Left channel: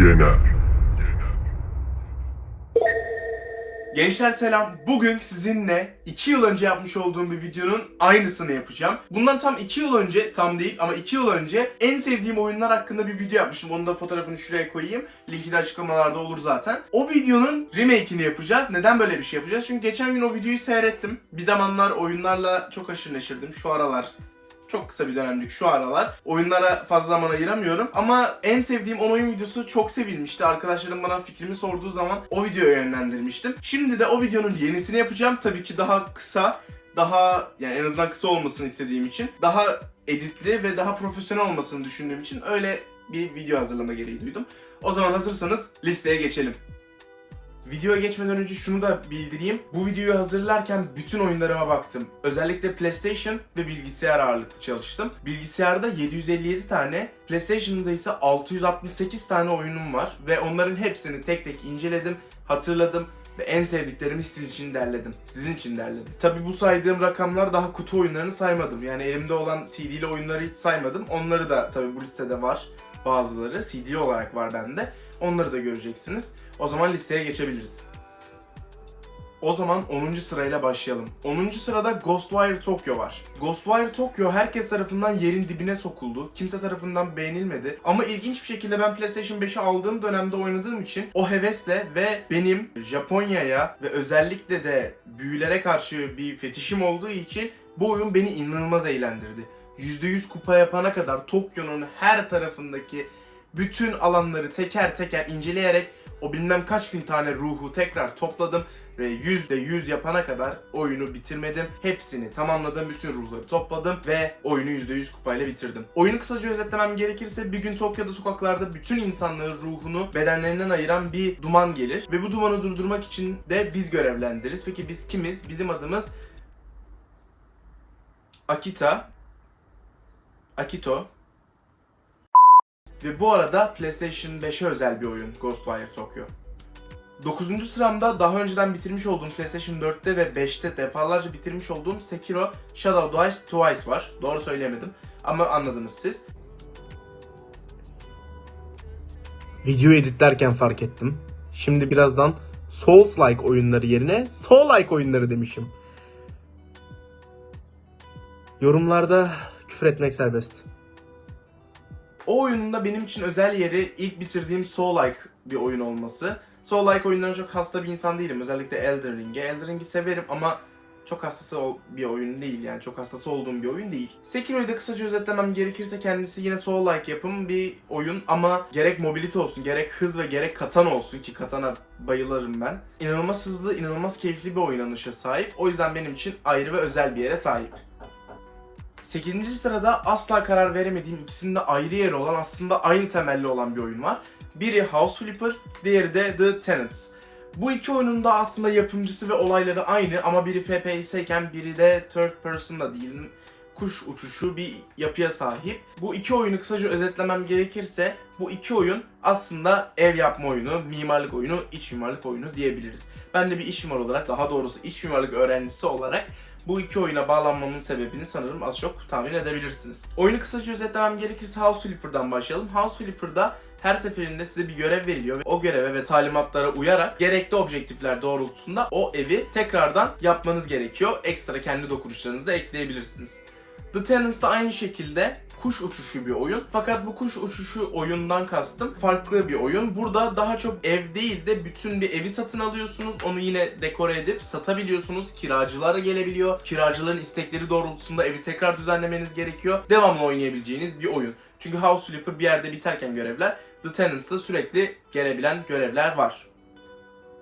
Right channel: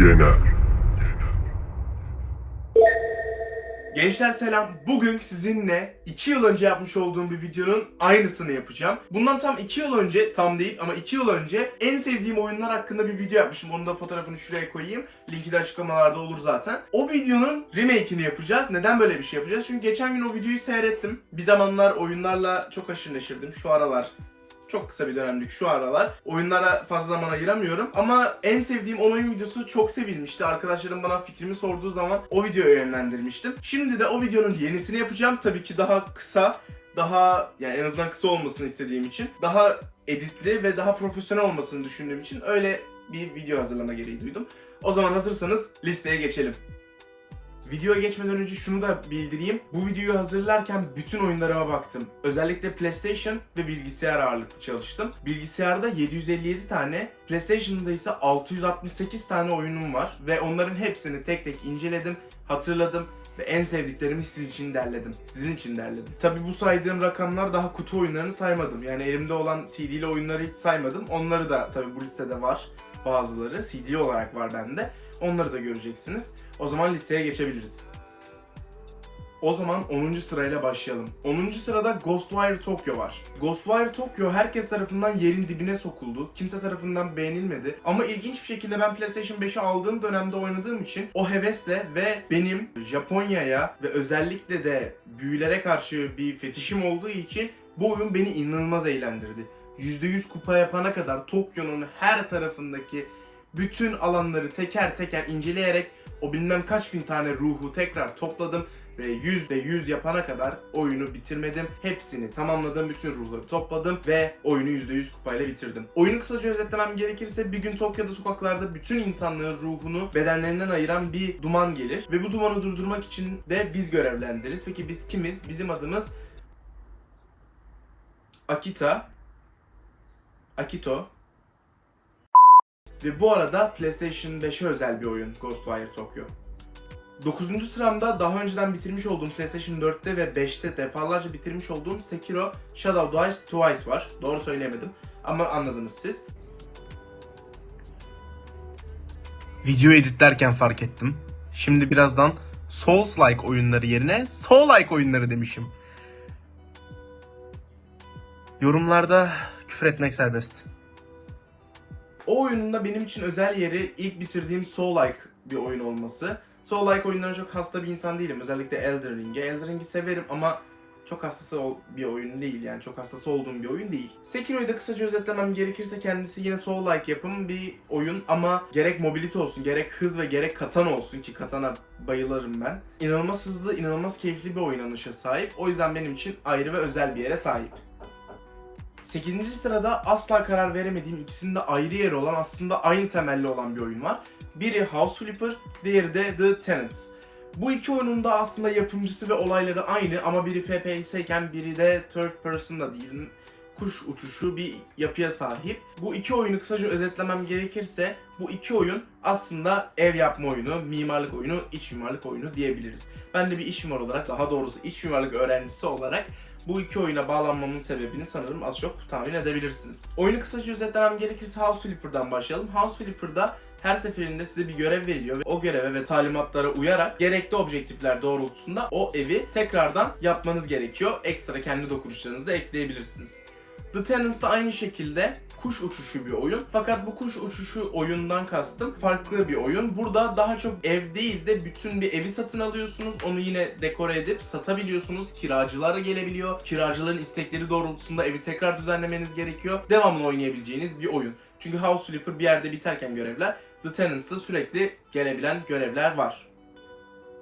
yener. Gençler selam. Bugün sizinle 2 yıl önce yapmış olduğum bir videonun aynısını yapacağım. Bundan tam 2 yıl önce, tam değil ama 2 yıl önce en sevdiğim oyunlar hakkında bir video yapmıştım. Onun da fotoğrafını şuraya koyayım. Linki de açıklamalarda olur zaten. O videonun remake'ini yapacağız. Neden böyle bir şey yapacağız? Çünkü geçen gün o videoyu seyrettim. Bir zamanlar oyunlarla çok aşırı neşirdim. Şu aralar çok kısa bir dönemlik şu aralar. Oyunlara fazla zaman ayıramıyorum. Ama en sevdiğim 10 oyun videosu çok sevilmişti. Arkadaşlarım bana fikrimi sorduğu zaman o videoya yönlendirmiştim. Şimdi de o videonun yenisini yapacağım. Tabii ki daha kısa, daha yani en azından kısa olmasını istediğim için. Daha editli ve daha profesyonel olmasını düşündüğüm için öyle bir video hazırlama gereği duydum. O zaman hazırsanız listeye geçelim. Videoya geçmeden önce şunu da bildireyim. Bu videoyu hazırlarken bütün oyunlarıma baktım. Özellikle PlayStation ve bilgisayar ağırlıklı çalıştım. Bilgisayarda 757 tane, PlayStation'da ise 668 tane oyunum var ve onların hepsini tek tek inceledim, hatırladım ve en sevdiklerimi sizin için derledim. Sizin için derledim. Tabi bu saydığım rakamlar daha kutu oyunlarını saymadım. Yani elimde olan CD'li oyunları hiç saymadım. Onları da tabi bu listede var. Bazıları CD olarak var bende. Onları da göreceksiniz. O zaman listeye geçebiliriz. O zaman 10. sırayla başlayalım. 10. sırada Ghostwire Tokyo var. Ghostwire Tokyo herkes tarafından yerin dibine sokuldu. Kimse tarafından beğenilmedi. Ama ilginç bir şekilde ben PlayStation 5'i aldığım dönemde oynadığım için o hevesle ve benim Japonya'ya ve özellikle de büyülere karşı bir fetişim olduğu için bu oyun beni inanılmaz eğlendirdi. %100 kupa yapana kadar Tokyo'nun her tarafındaki bütün alanları teker teker inceleyerek o bilmem kaç bin tane ruhu tekrar topladım ve %100 yapana kadar oyunu bitirmedim. Hepsini tamamladım, bütün ruhları topladım ve oyunu %100 kupayla bitirdim. Oyunu kısaca özetlemem gerekirse bir gün Tokyo'da sokaklarda bütün insanlığın ruhunu bedenlerinden ayıran bir duman gelir ve bu dumanı durdurmak için de biz görevlendiririz. Peki biz kimiz? Bizim adımız Akita, Akito, ve bu arada PlayStation 5'e özel bir oyun Ghostwire Tokyo. 9. sıramda daha önceden bitirmiş olduğum PlayStation 4'te ve 5'te defalarca bitirmiş olduğum Sekiro Shadow Die Twice var. Doğru söyleyemedim ama anladınız siz. Videoyu editlerken fark ettim. Şimdi birazdan Souls-like oyunları yerine Soul-like oyunları demişim. Yorumlarda küfür etmek serbest. O oyunun da benim için özel yeri ilk bitirdiğim Soul-like bir oyun olması. Soul-like oyunlarına çok hasta bir insan değilim. Özellikle Elden Ring'e. Elden Ring'i severim ama çok hastası bir oyun değil yani. Çok hastası olduğum bir oyun değil. Sekiro'yu da kısaca özetlemem gerekirse kendisi yine Soul-like yapım bir oyun ama gerek mobility olsun, gerek hız ve gerek katana olsun ki katana bayılırım ben. İnanılmaz hızlı, inanılmaz keyifli bir oynanışa sahip. O yüzden benim için ayrı ve özel bir yere sahip. 8. sırada asla karar veremediğim ikisinde ayrı yeri olan aslında aynı temelli olan bir oyun var. Biri House Flipper, diğeri de The Tenants. Bu iki oyunun da aslında yapımcısı ve olayları aynı ama biri FPS iken biri de third person'da değil kuş uçuşu bir yapıya sahip. Bu iki oyunu kısaca özetlemem gerekirse bu iki oyun aslında ev yapma oyunu, mimarlık oyunu, iç mimarlık oyunu diyebiliriz. Ben de bir iç mimar olarak daha doğrusu iç mimarlık öğrencisi olarak bu iki oyuna bağlanmamın sebebini sanırım az çok tahmin edebilirsiniz. Oyunu kısaca özetlemem gerekirse House Flipper'dan başlayalım. House Flipper'da her seferinde size bir görev veriliyor ve o göreve ve talimatlara uyarak gerekli objektifler doğrultusunda o evi tekrardan yapmanız gerekiyor. Ekstra kendi dokunuşlarınızı da ekleyebilirsiniz. The Tenants da aynı şekilde kuş uçuşu bir oyun. Fakat bu kuş uçuşu oyundan kastım farklı bir oyun. Burada daha çok ev değil de bütün bir evi satın alıyorsunuz. Onu yine dekore edip satabiliyorsunuz. Kiracılara gelebiliyor. Kiracıların istekleri doğrultusunda evi tekrar düzenlemeniz gerekiyor. Devamlı oynayabileceğiniz bir oyun. Çünkü House Flipper bir yerde biterken görevler, The Tenants'da sürekli gelebilen görevler var.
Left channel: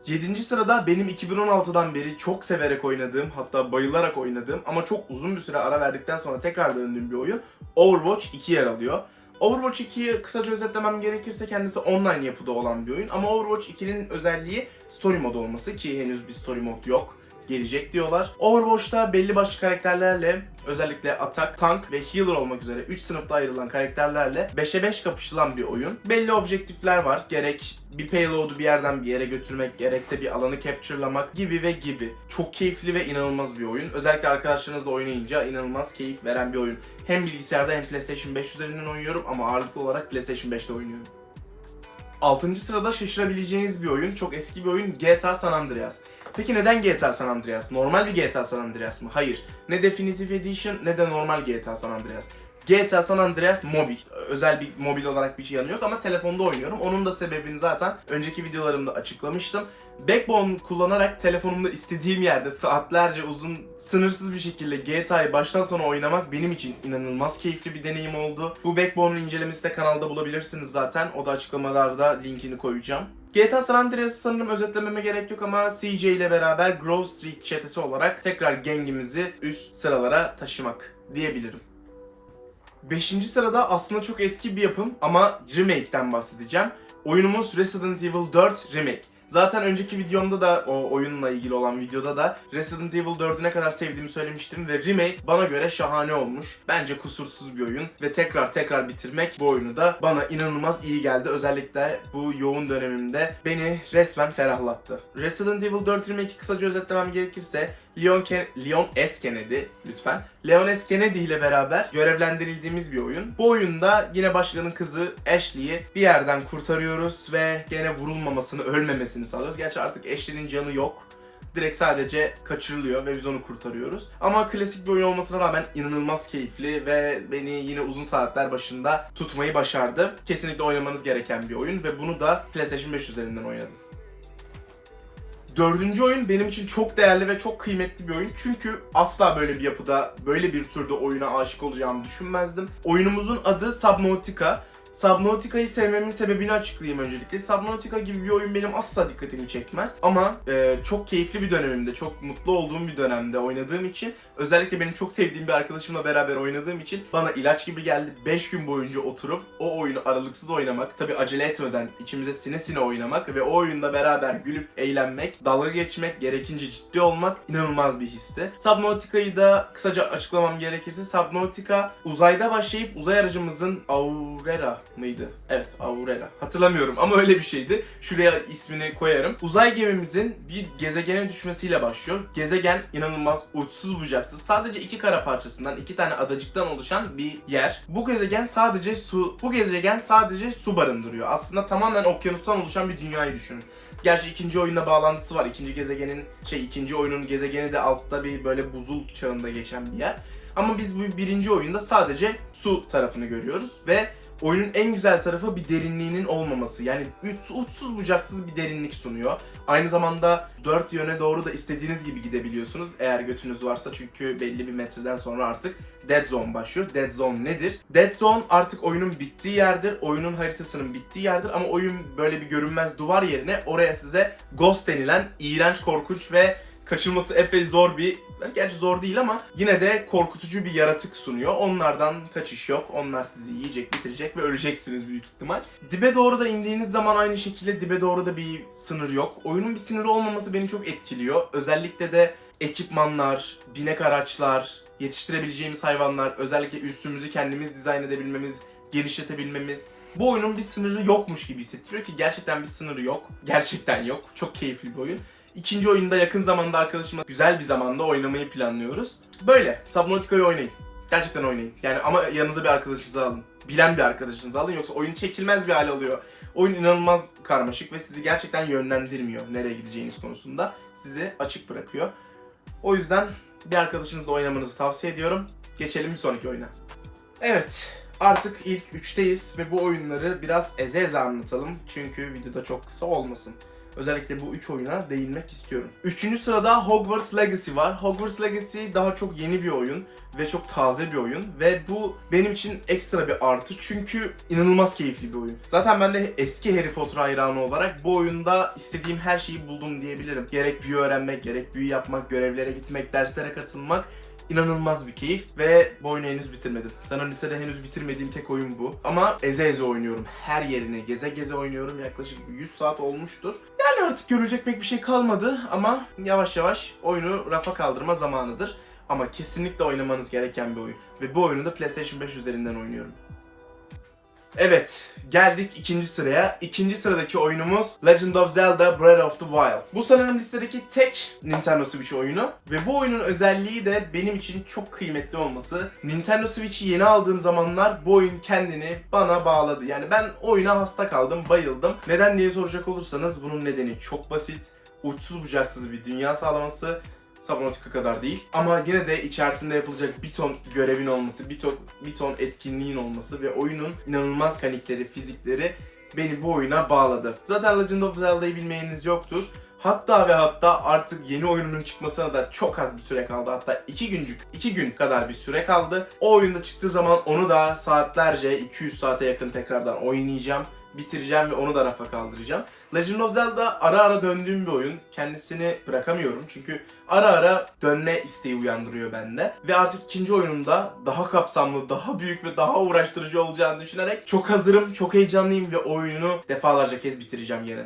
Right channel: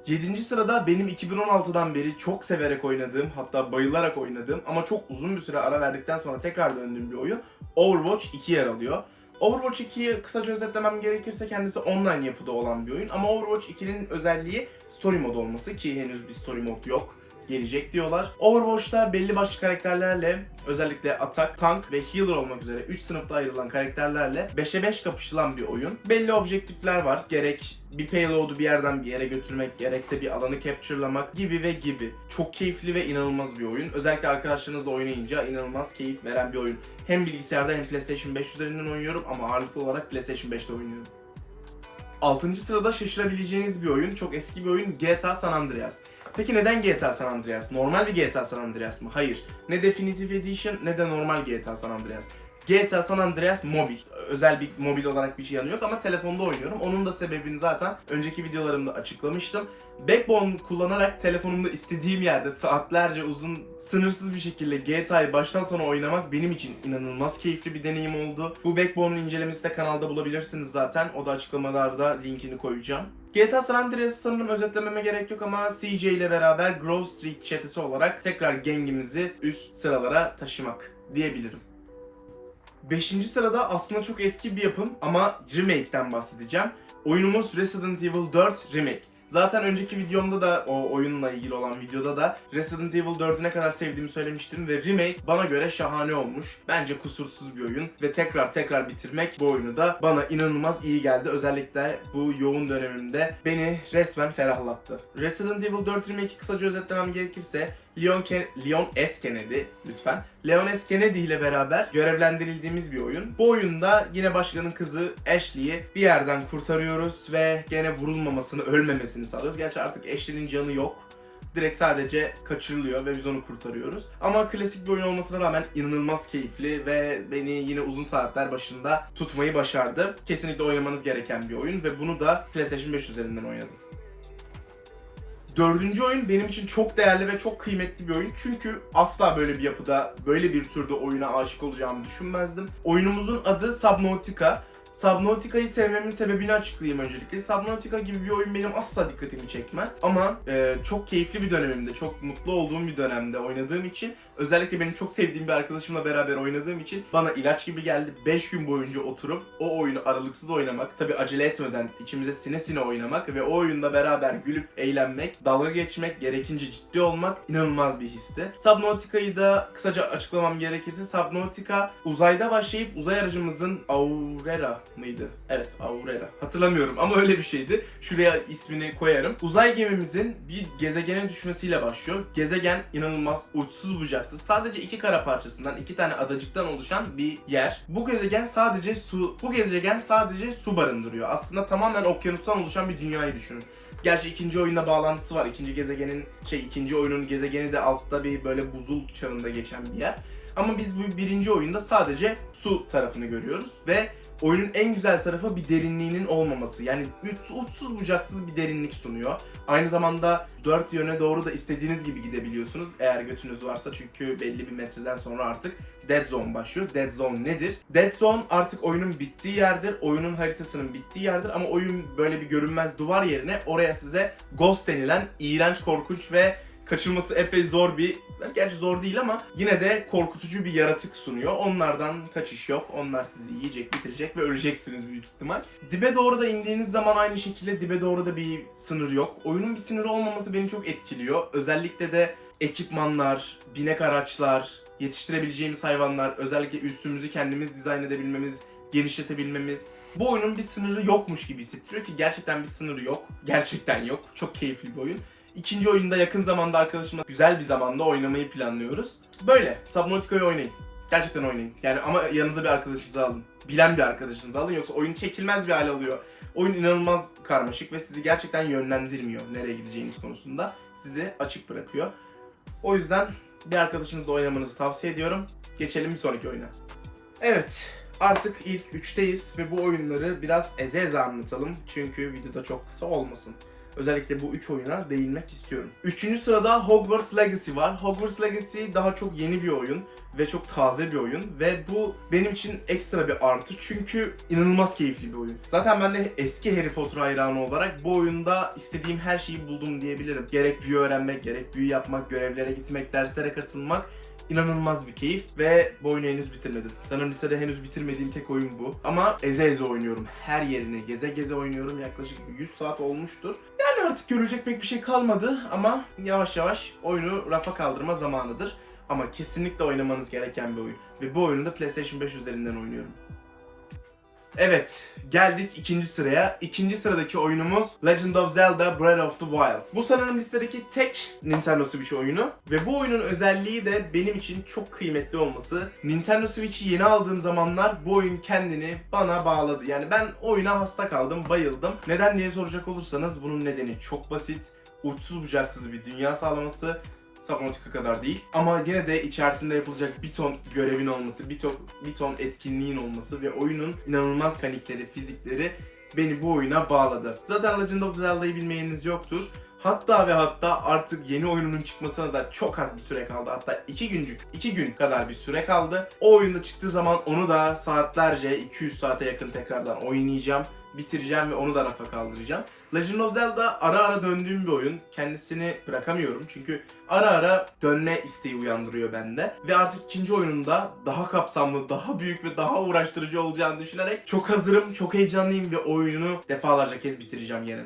7. sırada benim 2016'dan beri çok severek oynadığım hatta bayılarak oynadığım ama çok uzun bir süre ara verdikten sonra tekrar döndüğüm bir oyun Overwatch 2 yer alıyor. Overwatch 2'yi kısaca özetlemem gerekirse kendisi online yapıda olan bir oyun ama Overwatch 2'nin özelliği story modu olması ki henüz bir story mod yok gelecek diyorlar. Overwatch'ta belli başlı karakterlerle özellikle atak, tank ve healer olmak üzere 3 sınıfta ayrılan karakterlerle 5'e 5 kapışılan bir oyun. Belli objektifler var. Gerek bir payload'u bir yerden bir yere götürmek, gerekse bir alanı capture'lamak gibi ve gibi. Çok keyifli ve inanılmaz bir oyun. Özellikle arkadaşlarınızla oynayınca inanılmaz keyif veren bir oyun. Hem bilgisayarda hem PlayStation 5 üzerinden oynuyorum ama ağırlıklı olarak PlayStation 5'te oynuyorum. 6. sırada şaşırabileceğiniz bir oyun. Çok eski bir oyun GTA San Andreas. Peki neden GTA San Andreas? Normal bir GTA San Andreas mı? Hayır. Ne Definitive Edition ne de normal GTA San Andreas. GTA San Andreas mobil. Özel bir mobil olarak bir şey yanı yok ama telefonda oynuyorum. Onun da sebebini zaten önceki videolarımda açıklamıştım. Backbone kullanarak telefonumda istediğim yerde saatlerce uzun sınırsız bir şekilde GTA'yı baştan sona oynamak benim için inanılmaz keyifli bir deneyim oldu. Bu Backbone'un incelemesi de kanalda bulabilirsiniz zaten. O da açıklamalarda linkini koyacağım. GTA San Andreas'ı sanırım özetlememe gerek yok ama CJ ile beraber Grove Street çetesi olarak tekrar gengimizi üst sıralara taşımak diyebilirim. Beşinci sırada aslında çok eski bir yapım ama remake'den bahsedeceğim. Oyunumuz Resident Evil 4 Remake. Zaten önceki videomda da o oyunla ilgili olan videoda da Resident Evil 4'ü ne kadar sevdiğimi söylemiştim ve remake bana göre şahane olmuş. Bence kusursuz bir oyun ve tekrar tekrar bitirmek bu oyunu da bana inanılmaz iyi geldi. Özellikle bu yoğun dönemimde beni resmen ferahlattı. Resident Evil 4 Remake'i kısaca özetlemem gerekirse Leon, Ken- Leon S. Kennedy lütfen. Leon S. Kennedy ile beraber görevlendirildiğimiz bir oyun. Bu oyunda yine başkanın kızı Ashley'i bir yerden kurtarıyoruz ve gene vurulmamasını, ölmemesini sağlıyoruz. Gerçi artık Ashley'nin canı yok. Direkt sadece kaçırılıyor ve biz onu kurtarıyoruz. Ama klasik bir oyun olmasına rağmen inanılmaz keyifli ve beni yine uzun saatler başında tutmayı başardı. Kesinlikle oynamanız gereken bir oyun ve bunu da PlayStation 5 üzerinden oynadım. Dördüncü oyun benim için çok değerli ve çok kıymetli bir oyun. Çünkü asla böyle bir yapıda, böyle bir türde oyuna aşık olacağımı düşünmezdim. Oyunumuzun adı Subnautica. Subnautica'yı sevmemin sebebini açıklayayım öncelikle. Subnautica gibi bir oyun benim asla dikkatimi çekmez. Ama e, çok keyifli bir dönemimde, çok mutlu olduğum bir dönemde oynadığım için özellikle benim çok sevdiğim bir arkadaşımla beraber oynadığım için bana ilaç gibi geldi. 5 gün boyunca oturup o oyunu aralıksız oynamak, tabi acele etmeden içimize sine sine oynamak ve o oyunda beraber gülüp eğlenmek, dalga geçmek, gerekince ciddi olmak inanılmaz bir histi. Subnautica'yı da kısaca açıklamam gerekirse Subnautica uzayda başlayıp uzay aracımızın Aurora mıydı? Evet Aurora. Hatırlamıyorum ama öyle bir şeydi. Şuraya ismini koyarım. Uzay gemimizin bir gezegene düşmesiyle başlıyor. Gezegen inanılmaz uçsuz bucaksız. Sadece iki kara parçasından, iki tane adacıktan oluşan bir yer. Bu gezegen sadece su, bu gezegen sadece su barındırıyor. Aslında tamamen okyanustan oluşan bir dünyayı düşünün. Gerçi ikinci oyunda bağlantısı var. İkinci gezegenin şey ikinci oyunun gezegeni de altta bir böyle buzul çağında geçen bir yer. Ama biz bu birinci oyunda sadece su tarafını görüyoruz ve oyunun en güzel tarafı bir derinliğinin olmaması. Yani uç- uçsuz bucaksız bir derinlik sunuyor. Aynı zamanda dört yöne doğru da istediğiniz gibi gidebiliyorsunuz eğer götünüz varsa çünkü belli bir metreden sonra artık Dead Zone başlıyor. Dead Zone nedir? Dead Zone artık oyunun bittiği yerdir. Oyunun haritasının bittiği yerdir ama oyun böyle bir görünmez duvar yerine oraya size Ghost denilen iğrenç, korkunç ve kaçılması epey zor bir Gerçi zor değil ama yine de korkutucu bir yaratık sunuyor. Onlardan kaçış yok. Onlar sizi yiyecek, bitirecek ve öleceksiniz büyük ihtimal. Dibe doğru da indiğiniz zaman aynı şekilde dibe doğru da bir sınır yok. Oyunun bir sınırı olmaması beni çok etkiliyor. Özellikle de ekipmanlar, binek araçlar, yetiştirebileceğimiz hayvanlar, özellikle üstümüzü kendimiz dizayn edebilmemiz, genişletebilmemiz. Bu oyunun bir sınırı yokmuş gibi hissettiriyor ki gerçekten bir sınırı yok. Gerçekten yok. Çok keyifli bir oyun. İkinci oyunda yakın zamanda arkadaşımla güzel bir zamanda oynamayı planlıyoruz. Böyle. Subnautica'yı oynayın. Gerçekten oynayın. Yani ama yanınıza bir arkadaşınızı alın. Bilen bir arkadaşınızı alın yoksa oyun çekilmez bir hale alıyor. Oyun inanılmaz karmaşık ve sizi gerçekten yönlendirmiyor nereye gideceğiniz konusunda. Sizi açık bırakıyor. O yüzden bir arkadaşınızla oynamanızı tavsiye ediyorum. Geçelim bir sonraki oyuna. Evet, artık ilk 3'teyiz ve bu oyunları biraz eze eze anlatalım. Çünkü videoda çok kısa olmasın. Özellikle bu 3 oyuna değinmek istiyorum. Üçüncü sırada Hogwarts Legacy var. Hogwarts Legacy daha çok yeni bir oyun ve çok taze bir oyun ve bu benim için ekstra bir artı çünkü inanılmaz keyifli bir oyun. Zaten ben de eski Harry Potter hayranı olarak bu oyunda istediğim her şeyi buldum diyebilirim. Gerek büyü öğrenmek, gerek büyü yapmak, görevlere gitmek, derslere katılmak inanılmaz bir keyif ve bu oyunu henüz bitirmedim. Sanırım lisede henüz bitirmediğim tek oyun bu. Ama eze eze oynuyorum. Her yerine geze geze oynuyorum. Yaklaşık 100 saat olmuştur. Yani artık görülecek pek bir şey kalmadı ama yavaş yavaş oyunu rafa kaldırma zamanıdır. Ama kesinlikle oynamanız gereken bir oyun. Ve bu oyunu da PlayStation 5 üzerinden oynuyorum. Evet, geldik ikinci sıraya. İkinci sıradaki oyunumuz Legend of Zelda Breath of the Wild. Bu sanırım listedeki tek Nintendo Switch oyunu ve bu oyunun özelliği de benim için çok kıymetli olması. Nintendo Switch'i yeni aldığım zamanlar bu oyun kendini bana bağladı. Yani ben oyuna hasta kaldım, bayıldım. Neden diye soracak olursanız bunun nedeni çok basit. Uçsuz bucaksız bir dünya sağlaması. Subnautica kadar değil. Ama yine de içerisinde yapılacak bir ton görevin olması, bir ton, bir ton etkinliğin olması ve oyunun inanılmaz mekanikleri, fizikleri beni bu oyuna bağladı. Zaten Legend of Zelda'yı bilmeyeniniz yoktur. Hatta ve hatta artık yeni oyununun çıkmasına da çok az bir süre kaldı. Hatta 2 güncük, 2 gün kadar bir süre kaldı. O oyunda çıktığı zaman onu da saatlerce, 200 saate yakın tekrardan oynayacağım bitireceğim ve onu da rafa kaldıracağım. Legend of Zelda ara ara döndüğüm bir oyun. Kendisini bırakamıyorum çünkü ara ara dönme isteği uyandırıyor bende. Ve artık ikinci oyunumda daha kapsamlı, daha büyük ve daha uğraştırıcı olacağını düşünerek çok hazırım, çok heyecanlıyım ve oyunu defalarca kez bitireceğim yine.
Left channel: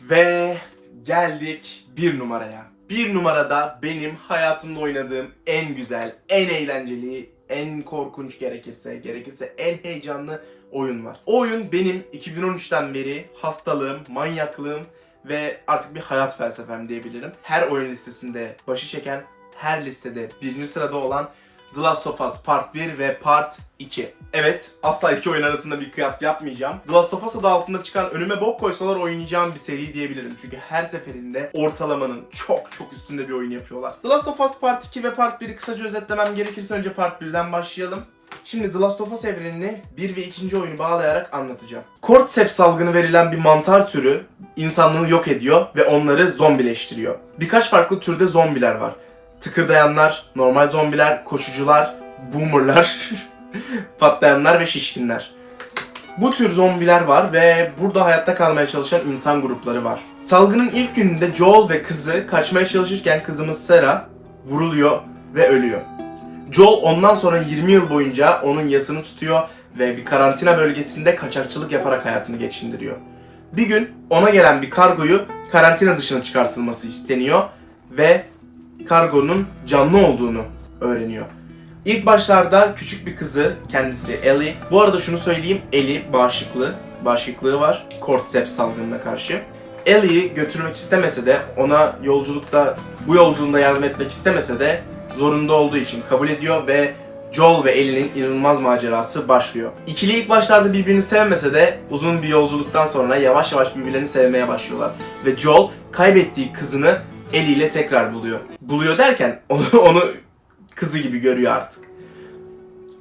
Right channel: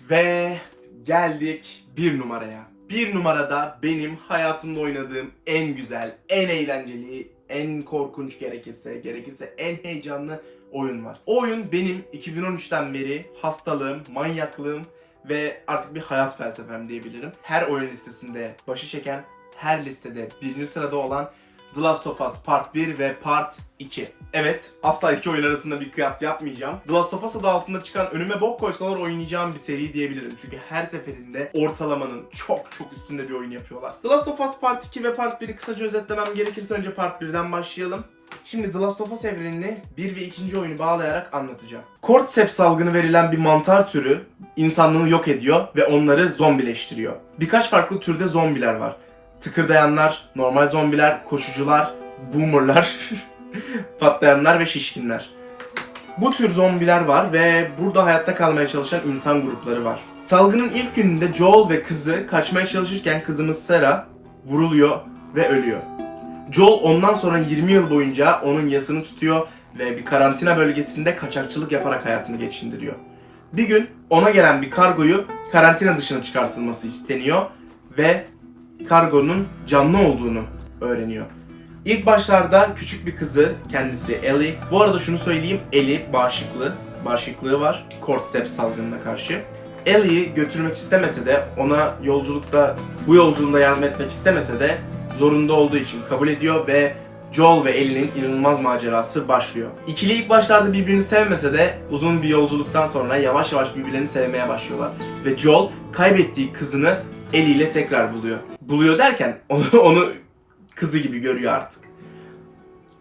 Ve geldik bir numaraya. Bir numarada benim hayatımda oynadığım en güzel, en eğlenceli, en korkunç gerekirse, gerekirse en heyecanlı oyun var. O oyun benim 2013'ten beri hastalığım, manyaklığım ve artık bir hayat felsefem diyebilirim. Her oyun listesinde başı çeken, her listede birinci sırada olan The Last of Us Part 1 ve Part 2. Evet, asla iki oyun arasında bir kıyas yapmayacağım. The Last of Us adı altında çıkan önüme bok koysalar oynayacağım bir seri diyebilirim. Çünkü her seferinde ortalamanın çok çok üstünde bir oyun yapıyorlar. The Last of Us Part 2 ve Part 1'i kısaca özetlemem gerekirse önce Part 1'den başlayalım. Şimdi The Last of Us evrenini 1 ve 2. oyunu bağlayarak anlatacağım. Cordyceps salgını verilen bir mantar türü insanlığı yok ediyor ve onları zombileştiriyor. Birkaç farklı türde zombiler var. Tıkırdayanlar, normal zombiler, koşucular, boomerlar, patlayanlar ve şişkinler. Bu tür zombiler var ve burada hayatta kalmaya çalışan insan grupları var. Salgının ilk gününde Joel ve kızı kaçmaya çalışırken kızımız Sarah vuruluyor ve ölüyor. Joel ondan sonra 20 yıl boyunca onun yasını tutuyor ve bir karantina bölgesinde kaçakçılık yaparak hayatını geçindiriyor. Bir gün ona gelen bir kargoyu karantina dışına çıkartılması isteniyor ve kargonun canlı olduğunu öğreniyor. İlk başlarda küçük bir kızı kendisi Ellie. Bu arada şunu söyleyeyim Ellie bağışıklı, bağışıklığı var Cordyceps salgınına karşı. Ellie'yi götürmek istemese de ona yolculukta bu yolculuğunda yardım etmek istemese de zorunda olduğu için kabul ediyor ve Joel ve Ellie'nin inanılmaz macerası başlıyor. İkili ilk başlarda birbirini sevmese de uzun bir yolculuktan sonra yavaş yavaş birbirlerini sevmeye başlıyorlar. Ve Joel kaybettiği kızını Ellie ile tekrar buluyor. Buluyor derken onu, onu kızı gibi görüyor artık.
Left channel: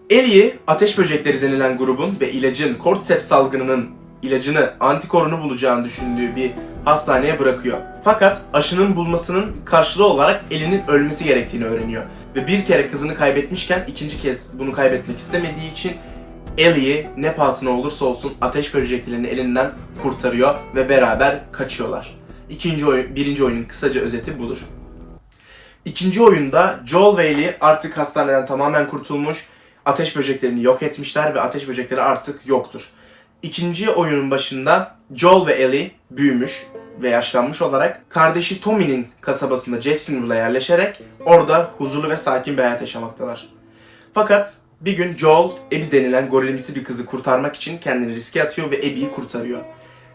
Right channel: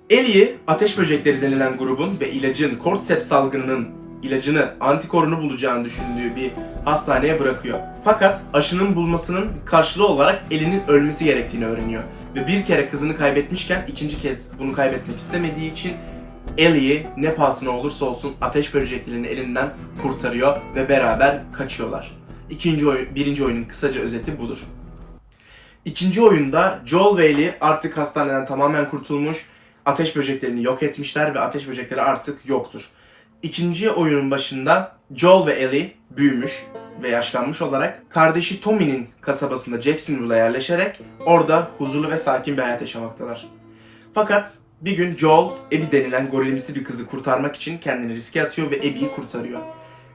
Ellie'yi ateş böcekleri denilen grubun ve ilacın Cordyceps salgınının ilacını, antikorunu bulacağını düşündüğü bir hastaneye bırakıyor. Fakat aşının bulmasının karşılığı olarak Ellie'nin ölmesi gerektiğini öğreniyor. Ve bir kere kızını kaybetmişken ikinci kez bunu kaybetmek istemediği için Ellie'yi ne pahasına olursa olsun ateş böceklerinin elinden kurtarıyor ve beraber kaçıyorlar. İkinci oyun, birinci oyunun kısaca özeti budur. İkinci oyunda Joel ve Ellie artık hastaneden tamamen kurtulmuş, ateş böceklerini yok etmişler ve ateş böcekleri artık yoktur. İkinci oyunun başında Joel ve Ellie büyümüş ve yaşlanmış olarak kardeşi Tommy'nin kasabasında Jacksonville'a yerleşerek orada huzurlu ve sakin bir hayat yaşamaktalar. Fakat bir gün Joel, Abby denilen gorilimsi bir kızı kurtarmak için kendini riske atıyor ve Abby'yi kurtarıyor.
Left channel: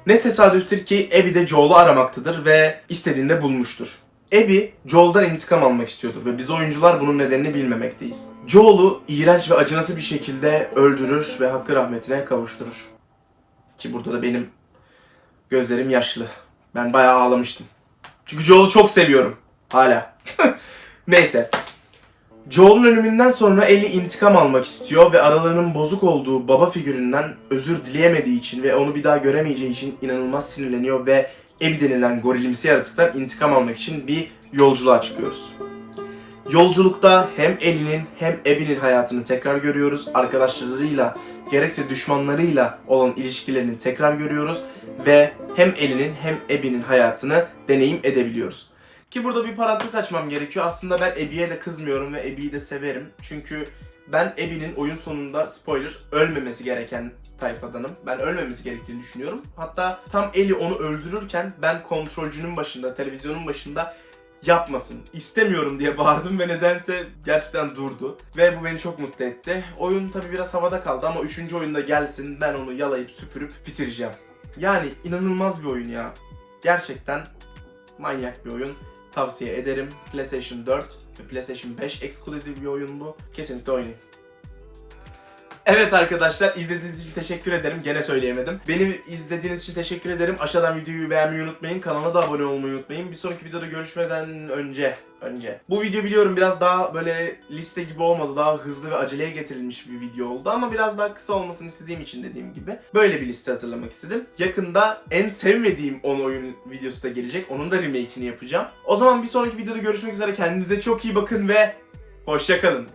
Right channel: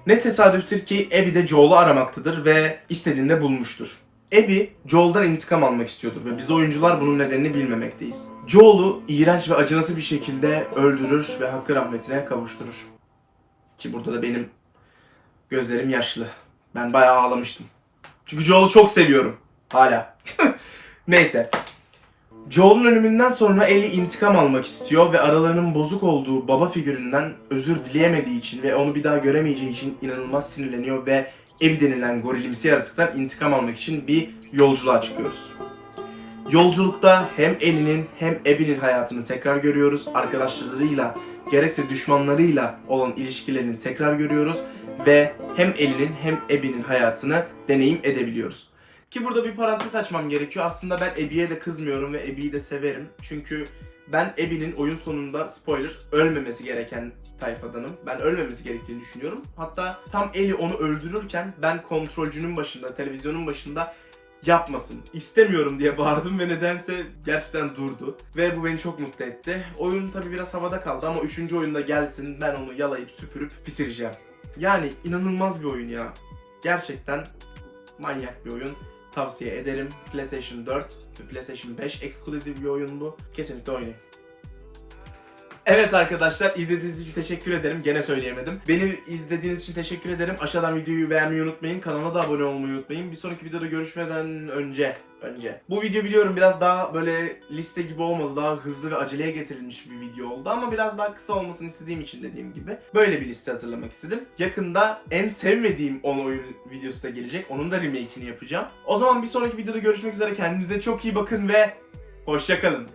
Ne tesadüftür ki Abby de Joel'u aramaktadır ve istediğinde bulmuştur. Abby, Joel'dan intikam almak istiyordur ve biz oyuncular bunun nedenini bilmemekteyiz. Joel'u iğrenç ve acınası bir şekilde öldürür ve hakkı rahmetine kavuşturur. Ki burada da benim gözlerim yaşlı. Ben bayağı ağlamıştım. Çünkü Joel'u çok seviyorum. Hala. Neyse. Joel'un ölümünden sonra Ellie intikam almak istiyor ve aralarının bozuk olduğu baba figüründen özür dileyemediği için ve onu bir daha göremeyeceği için inanılmaz sinirleniyor ve Abby denilen gorilimsi yaratıktan intikam almak için bir yolculuğa çıkıyoruz. Yolculukta hem Ellie'nin hem Abby'nin hayatını tekrar görüyoruz. Arkadaşlarıyla gerekse düşmanlarıyla olan ilişkilerini tekrar görüyoruz ve hem Ellie'nin hem Abby'nin hayatını deneyim edebiliyoruz. Ki burada bir parantez açmam gerekiyor. Aslında ben Abby'ye de kızmıyorum ve Abby'yi de severim. Çünkü ben Abby'nin oyun sonunda spoiler ölmemesi gereken tayfadanım. Ben ölmemesi gerektiğini düşünüyorum. Hatta tam Ellie onu öldürürken ben kontrolcünün başında, televizyonun başında yapmasın. İstemiyorum diye bağırdım ve nedense gerçekten durdu. Ve bu beni çok mutlu etti. Oyun tabi biraz havada kaldı ama 3. oyunda gelsin ben onu yalayıp süpürüp bitireceğim. Yani inanılmaz bir oyun ya. Gerçekten manyak bir oyun. Tavsiye ederim. PlayStation 4 ve PlayStation 5 eksklusif bir oyun bu. Kesinlikle oynayın. Evet arkadaşlar izlediğiniz için teşekkür ederim. Gene söyleyemedim. Beni izlediğiniz için teşekkür ederim. Aşağıdan videoyu beğenmeyi unutmayın. Kanala da abone olmayı unutmayın. Bir sonraki videoda görüşmeden önce önce. Bu video biliyorum biraz daha böyle liste gibi olmadı. Daha hızlı ve aceleye getirilmiş bir video oldu ama biraz daha kısa olmasını istediğim için dediğim gibi böyle bir liste hazırlamak istedim. Yakında en sevmediğim 10 oyun videosu da gelecek. Onun da remake'ini yapacağım. O zaman bir sonraki videoda görüşmek üzere. Kendinize çok iyi bakın ve hoşçakalın.